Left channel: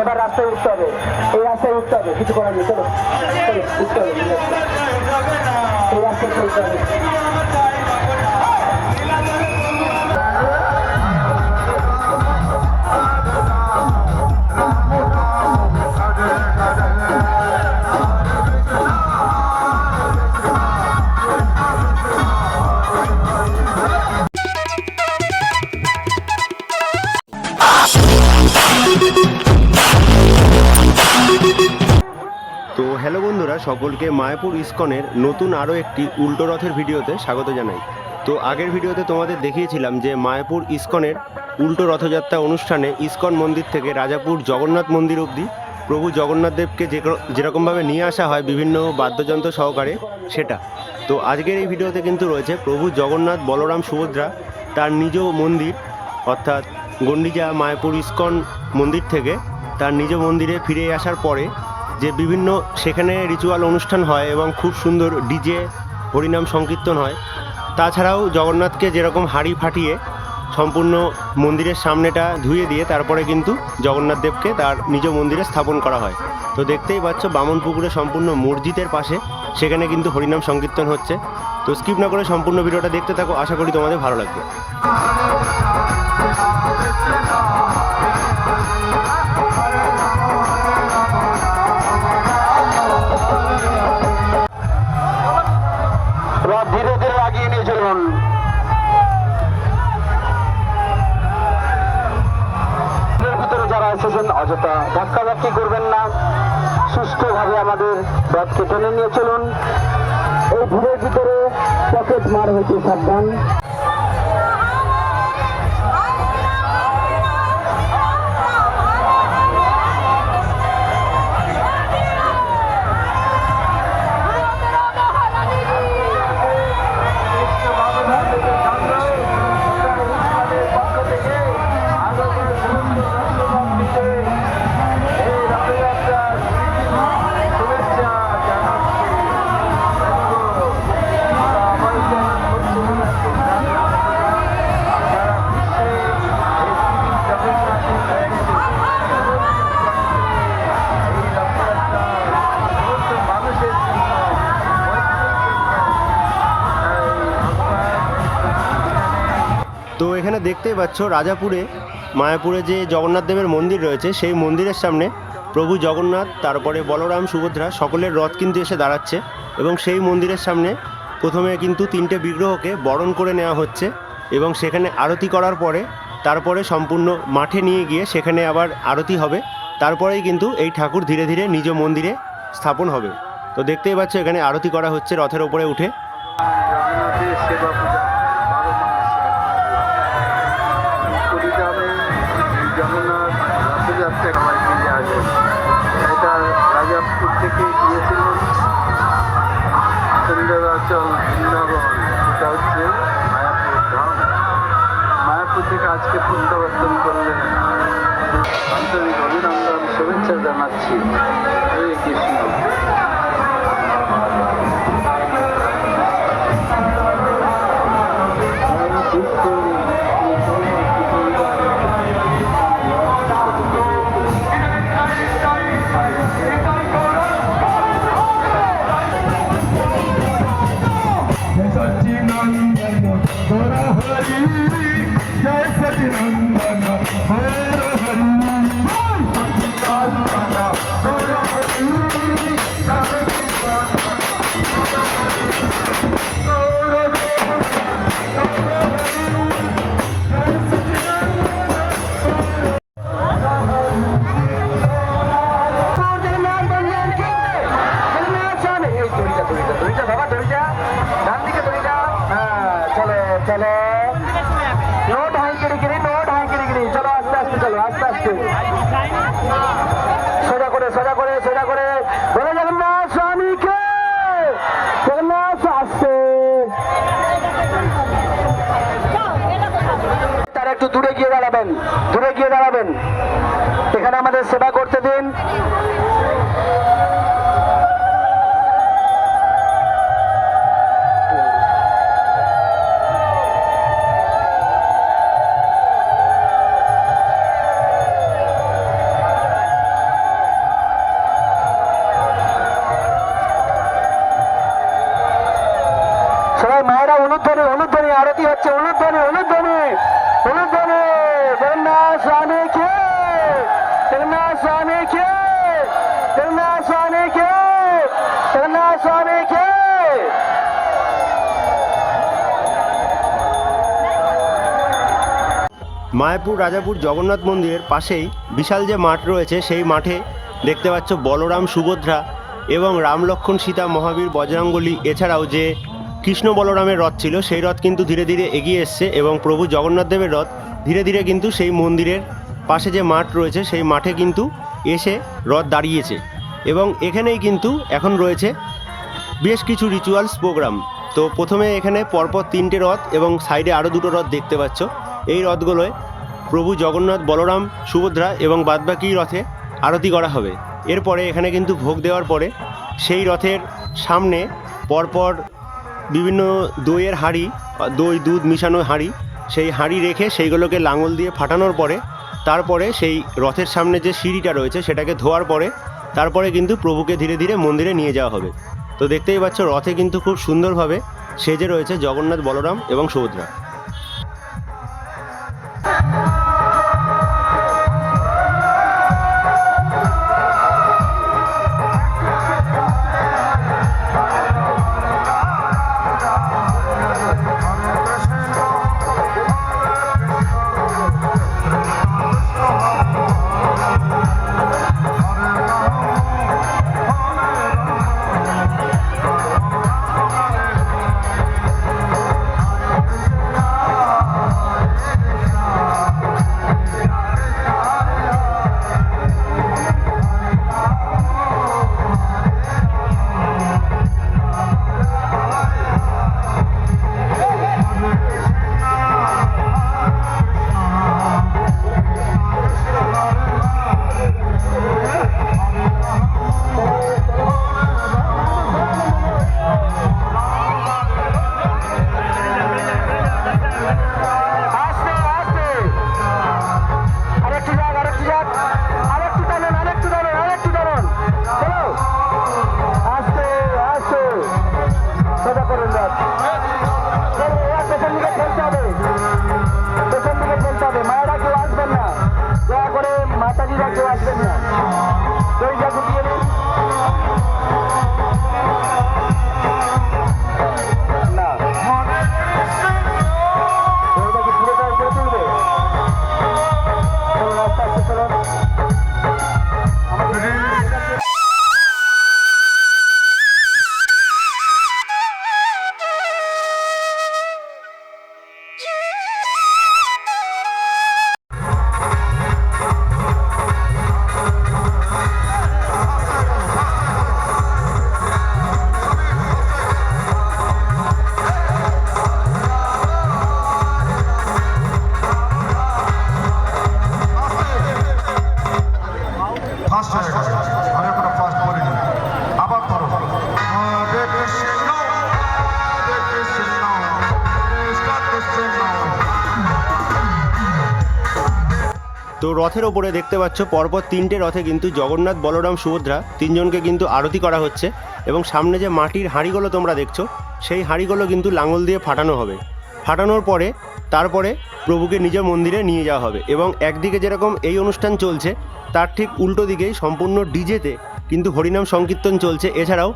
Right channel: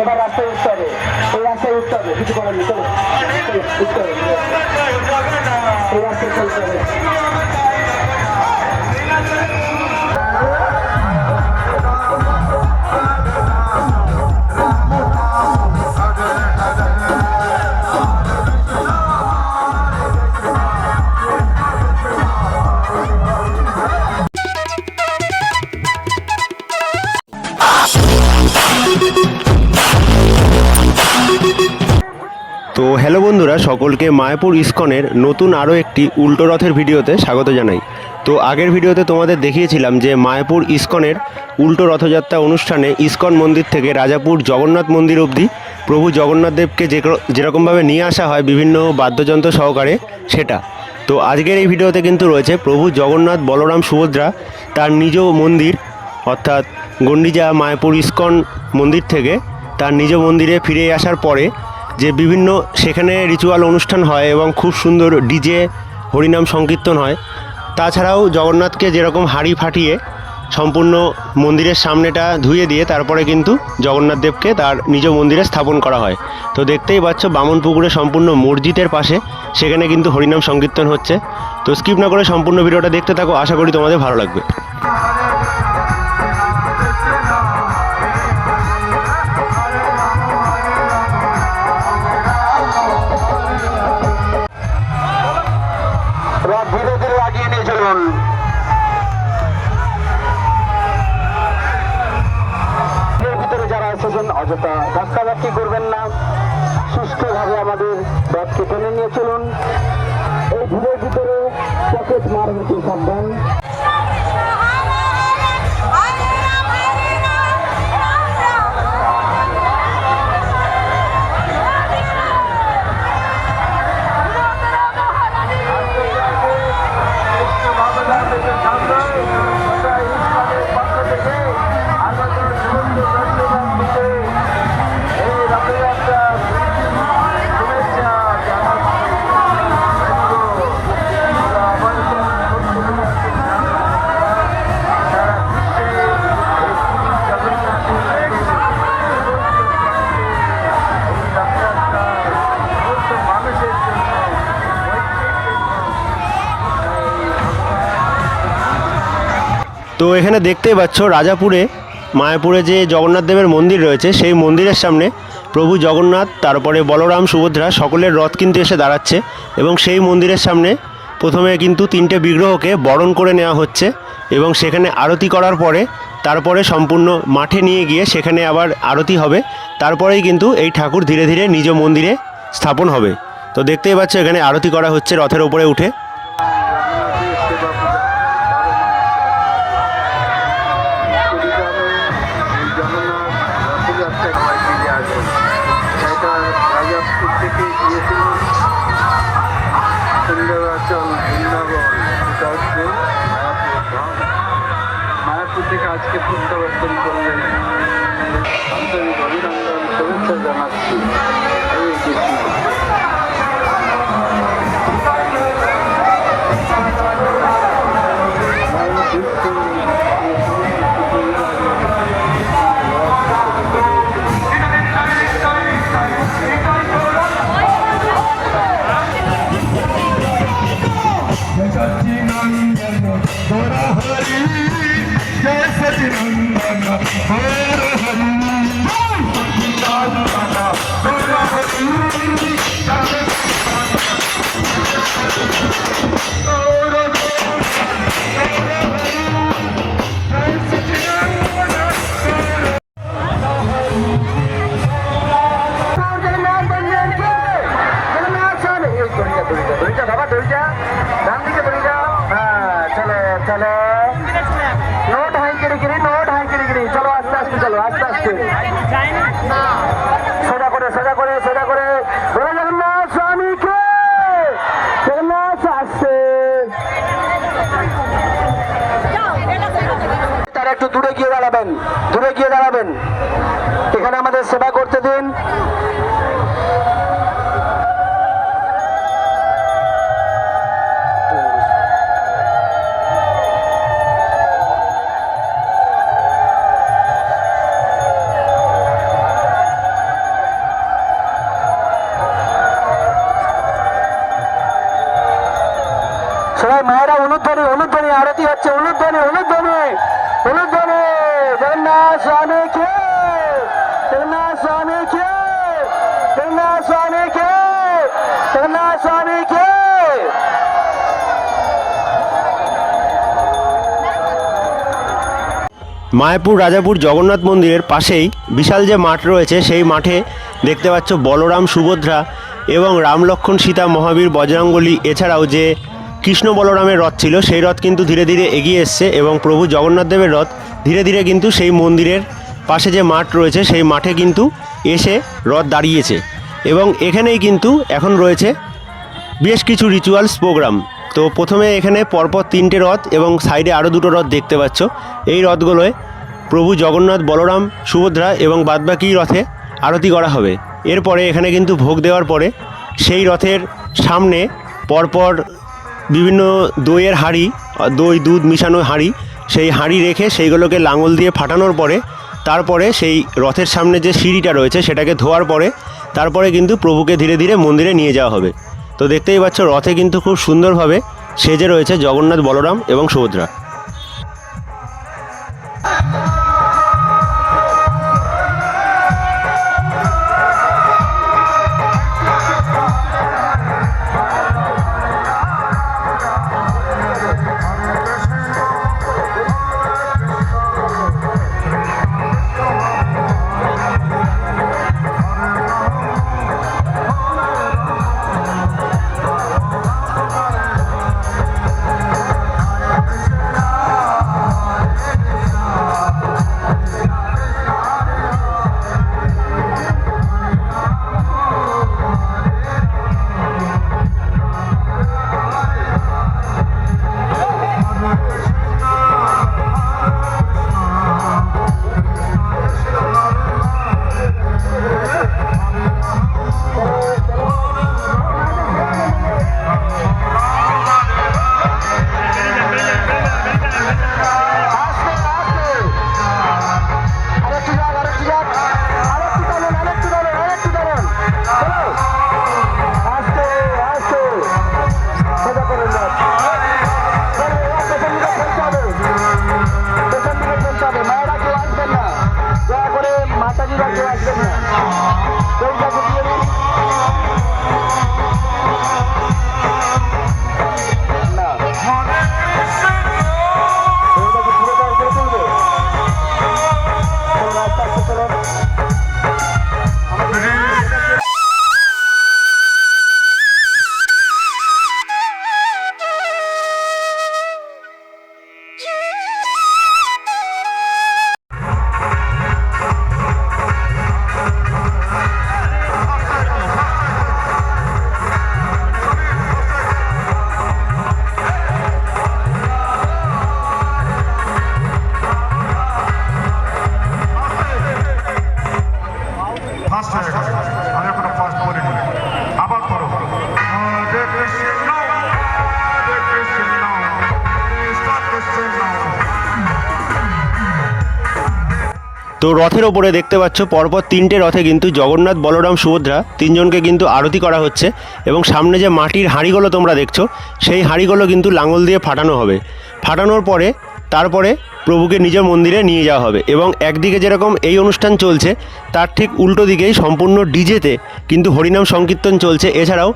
এবার রাস্তায় উঠতে হবে এই রাস্তায় উঠতে হবে কিছু করার নেই চলো চলো, উঠতে হবে এই রাস্তায় চলতে হবে সকলকে মায়াপুর ইস্কনের নতুন আরও একটি উল্টো রথের ভিডিওতে স্বাগত জানাই। তো আগের ভিডিওতে তোমাদের দেখিয়েছিলাম যে মায়াপুর ইস্কনের উল্টো রথযাত্রা অনুষ্ঠানে ইস্কন মন্দির থেকে রাজাপুর জগন্নাথ মন্দির অবধি প্রভু জগন্নাথ দেবকে যে যেরকমভাবে নিয়ে আসা হয় বিভিন্ন বাদ্যযন্ত্র সহকারে সেটা। তো আজকের এই ভিডিওতে কিন্তু রয়েছে প্রভু জগন্নাথ বলরাম সুভদ্রা তার নিজ মন্দির অর্থাৎ গন্ডিজা মায়াপুর ইস্কন মন্দির থেকে তার নিজ মন্দিরে ফিরে আসার পরে যে বিভিন্ন সেখানে রিচুয়াল অনুষ্ঠান হয় এবং খুব সুন্দর ডিজে হরিনাম সংকীর্তন হয়। তাছাড়াও জগন্নাথকে যেরকম হাঁড়ি ফাটিয়ে সম্পূর্ণ মন্দিরের সামনেটা ধুয়ে দিয়ে তারপরে কিন্তু জগন্নাথ দেবকে তার নিজ মন্দিরে স্থাপন করা হয়। তো দেখতেই পাচ্ছ বামন পুকুরে সম্পূর্ণ মসজিদের পাশে সেখানে কিন্তু হরিনাম সংকীর্তন হচ্ছে। তো স্কিপ না করে সম্পূর্ণ ভিডিওটা দেখতে থাকো, আশা করি তোমাদের ভালো লাগবে। এসেছেন অযথা ধাক্কাধাক্কি করবেন না। সুস্থভাবে আমাদের পথকে টেনে নিয়ে চলুন। এই ভিড়ের ভিতরে পকেট মার হয়েছে সাবধান। তো এখানে দেখতেই পাচ্ছ রাজাপুরে, মায়াপুরে যে জগন্নাথ দেবের মন্দির রয়েছে, সেই মন্দিরের সামনে প্রভু জগন্নাথ, তারপরে বলরাম, সুভদ্রা সকলের রথ কিন্তু এসে দাঁড়াচ্ছে এবং সেই মন্দিরের সামনে প্রথমে কিন্তু তিনটে বিগ্রহকে বরণ করে নেওয়া হচ্ছে এবং সেখানে আরতি করার পরে তারপরে সম্পূর্ণ মাঠে নিয়ে গিয়ে সেখানে আবার আরতি হবে। তারপরেই কিন্তু এই ঠাকুর ধীরে ধীরে নিজ মন্দিরে স্থাপন হবে। তো দেখতেই পাচ্ছ এখানে আরতি করা হচ্ছে রথের ওপরে উঠে। আজকে প্রত্যাবর্তন করলেন। আন্তরিক অভিনন্দন শুভেচ্ছা জানাচ্ছি। আস্তে সোজা করে সোজা করে সোজা করে। বলে জগন্নাথ স্বামীকে জগন্নাথ আসছে। তারা একটু দূরে গিয়ে দাঁড়াবেন, দূরে গিয়ে দাঁড়াবেন। এখানে আমাদের সেবা করতে দিন। আরতি হচ্ছে অনুধ্বনি অনুধ্বনি জগন্নাথ স্বামী কে? স্বামী কে? স্বামী কে? স্বামী কে? মায়াপুর, রাজাপুর, জগন্নাথ মন্দিরের পাশেই বিশাল যে মাঠ রয়েছে, সেই মাঠে দেখতে পাচ্ছ বলরাম সুভদ্রা এবং রাম লক্ষ্মণ সীতা মহাবীর বজরঙ্গলী। এছাড়াও যে কৃষ্ণ বলরামের রথ ছিল। সেই রথ কিন্তু ধীরে ধীরে এগিয়ে এসছে এবং প্রভু জগন্নাথ দেবের রথ ধীরে ধীরে কিন্তু সেই মন্দিরের পাশে যে মাঠ রয়েছে, সেই মাঠে কিন্তু এসে রথ দাঁড়িয়েছে। এবং এখানেই কিন্তু এখন রয়েছে বেশ কিছু রিচুয়ালস প্রোগ্রাম তো প্রথমে এখানে পরপর তিনটে রথ এবং সাইডে আরও দুটো রথ দেখতে পাচ্ছ। এই রথগুলোয় প্রভু জগন্নাথ, বলরাম, সুভদ্রা এবং বাদবাকি রথে আরতি করা হবে। এরপরে এখানে কিন্তু ভোগ দেওয়ার পরে সেই রথের সামনে পরপর বিভিন্ন দইয়ের হাঁড়ি, দই, দুধ মিশানো হাঁড়ি, সেই হাঁড়ি রেখে সেইগুলোকে লাঙল দিয়ে ফাটানোর পরে, তারপরে সেই রথের সামনে যে সিঁড়িটা রয়েছে সেটাকে ধোয়ার পরে, তারপরে কিন্তু প্রভুকে ধীরে ধীরে মন্দিরে নিয়ে যাওয়া হবে। তো দেখতেই পাচ্ছ, রথে কিন্তু খুব সুন্দরভাবে সেজে রয়েছে জগন্নাথ, বলরাম এবং সুভদ্রা। আস্তে আস্তে তো রথের ওপরে দেখতে পাচ্ছ, পরপর তিনটে রথে কিন্তু জগন্নাথ, বলরাম, সুভদ্রা তিনজনকে কিন্তু আরতি করা হচ্ছে এবং সামনে যে মাটির হাঁড়িগুলো তোমরা দেখছ, সেই হাঁড়িগুলো কিন্তু লাঙল দিয়ে ফাটানো হবে। ফাটানোর পরে তারপরে প্রভুকে নিজের মন্দিরে নিয়ে যাওয়া হবে এবং একদিকে যেরকম এই অনুষ্ঠান চলছে, তার ঠিক উল্টো দিকেই সম্পূর্ণ ডিজেতে কিন্তু হরিনাম সংকীর্তন চলছে। এছাড়াও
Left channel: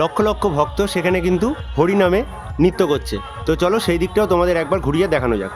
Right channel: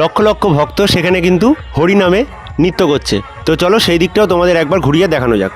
লক্ষ লক্ষ ভক্ত সেখানে কিন্তু হরিনামে নৃত্য করছে। তো চলো সেই দিকটাও তোমাদের একবার ঘুরিয়ে দেখানো যাক।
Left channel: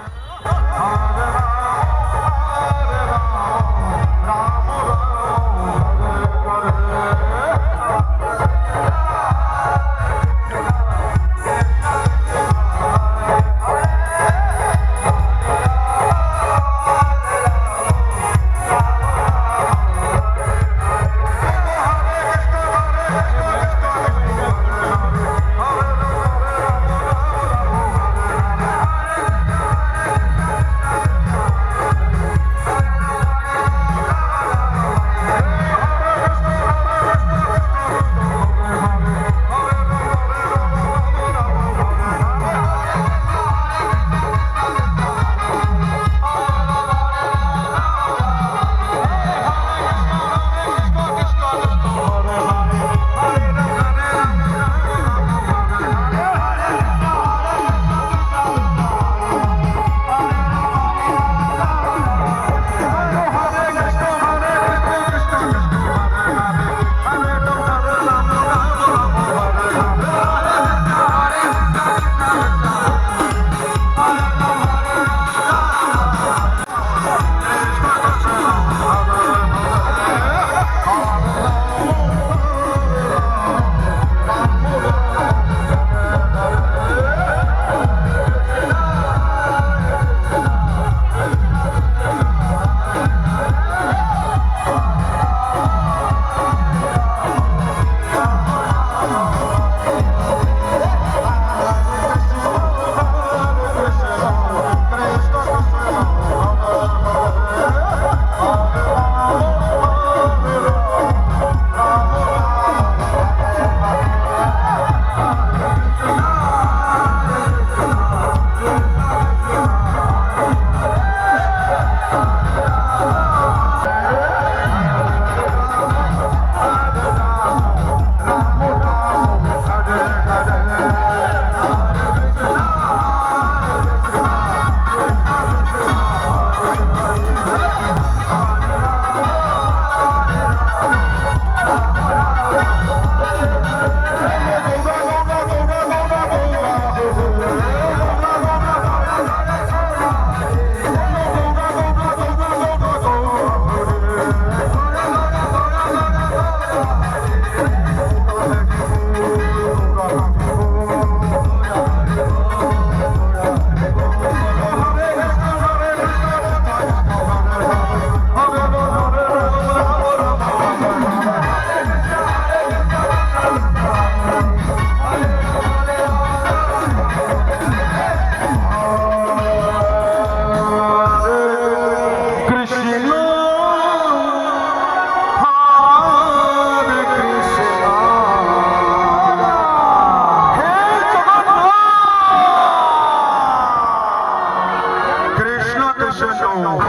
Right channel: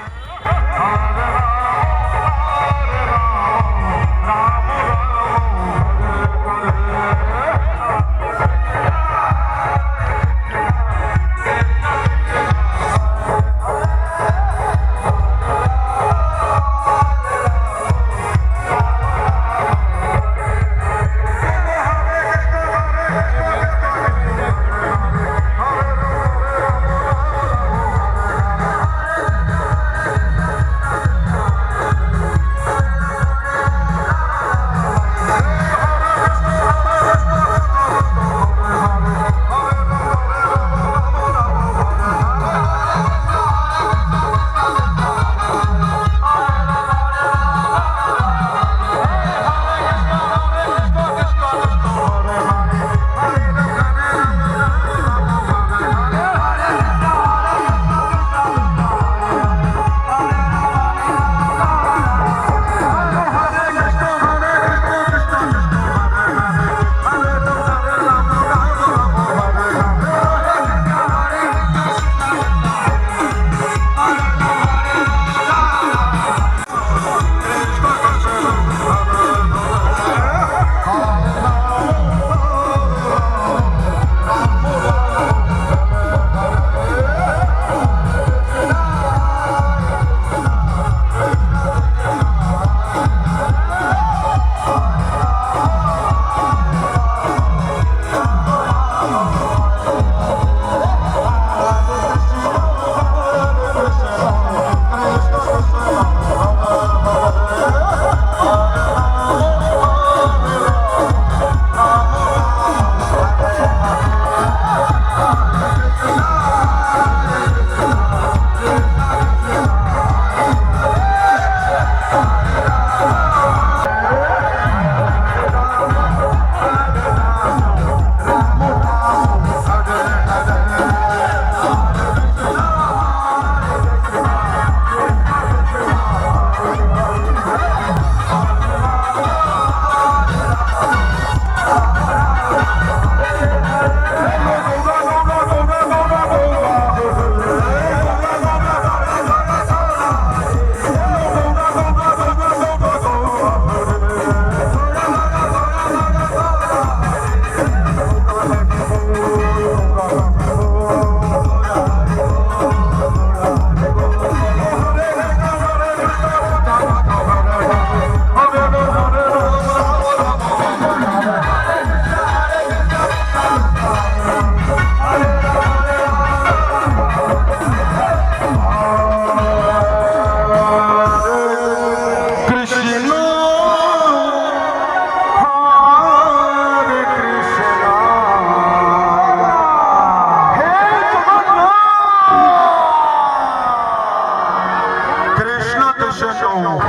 It's not a show.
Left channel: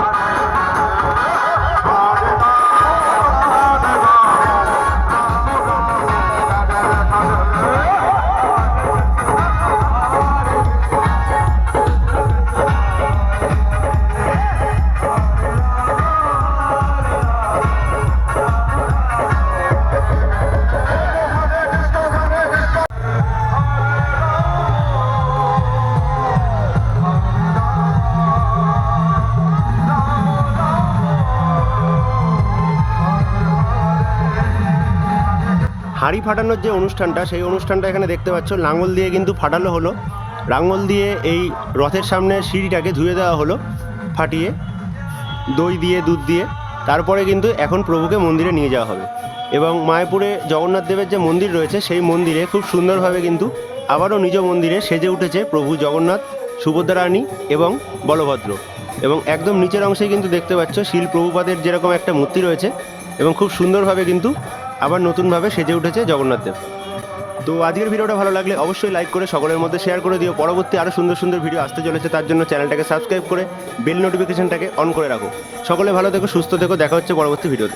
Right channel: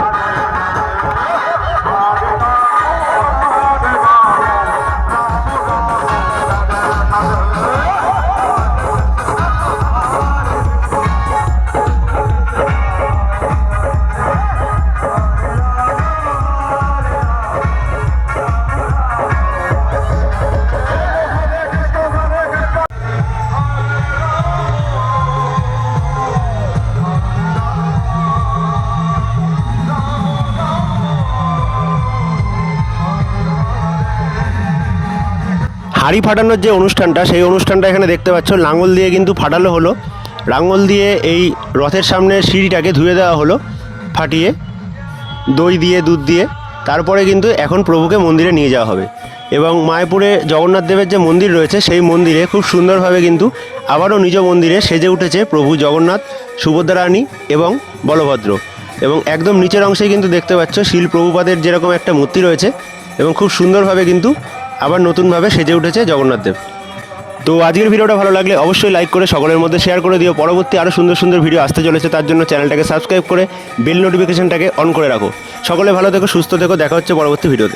হাঁড়ি ফাটানোর যে অনুষ্ঠানটা, সেই অনুষ্ঠানটা এখানে দেখতে পাচ্ছ। লাঙল দিয়ে কিন্তু ফাটানো হলো। লাঙল দিয়ে এই রথের সামনে সিঁড়িটাকে ধুয়ে দেওয়া হলো, ফাটিয়ে। দই দিয়ে, দুধ দিয়ে। তারপরে কিন্তু এখন প্রভুকে মন্দিরে নিয়ে যাওয়া হবে। এবং মায়াপুরে জগন্নাথ দেবের যে মন্দির রয়েছে, সেই মন্দিরে খুব সুন্দরভাবে কিন্তু আবারও নিজ মন্দিরে সেজে উঠেছে প্রভু জগন্নাথ সুভদ্রা রানী এবং বলভদ্র। এবং একদম নিচের অংশে কিন্তু দেখতে পাচ্ছ শিল প্রভুপাদের যেরকম একটা মূর্তি রয়েছে এবং খুব সুন্দরভাবে কিন্তু আবার নতুনভাবে সেজে উঠেছে জগন্নাথ দেব। তো আজকের ভিডিওটা ভালো লাগলে অবশ্যই লাইক করে, সকলের মধ্যে শেয়ার করে দিও। পরবর্তী আরও সুন্দর সুন্দর ভিডিও আসতে চলেছে, তার জন্য চ্যানেলটাকে সাবস্ক্রাইব করে বেল নোটিফিকেশনটাকে অন করে রাখো। সকলে ভালো থেকো, সুস্থ থেকো, দেখা হচ্ছে পরবর্তী ভিডিওতে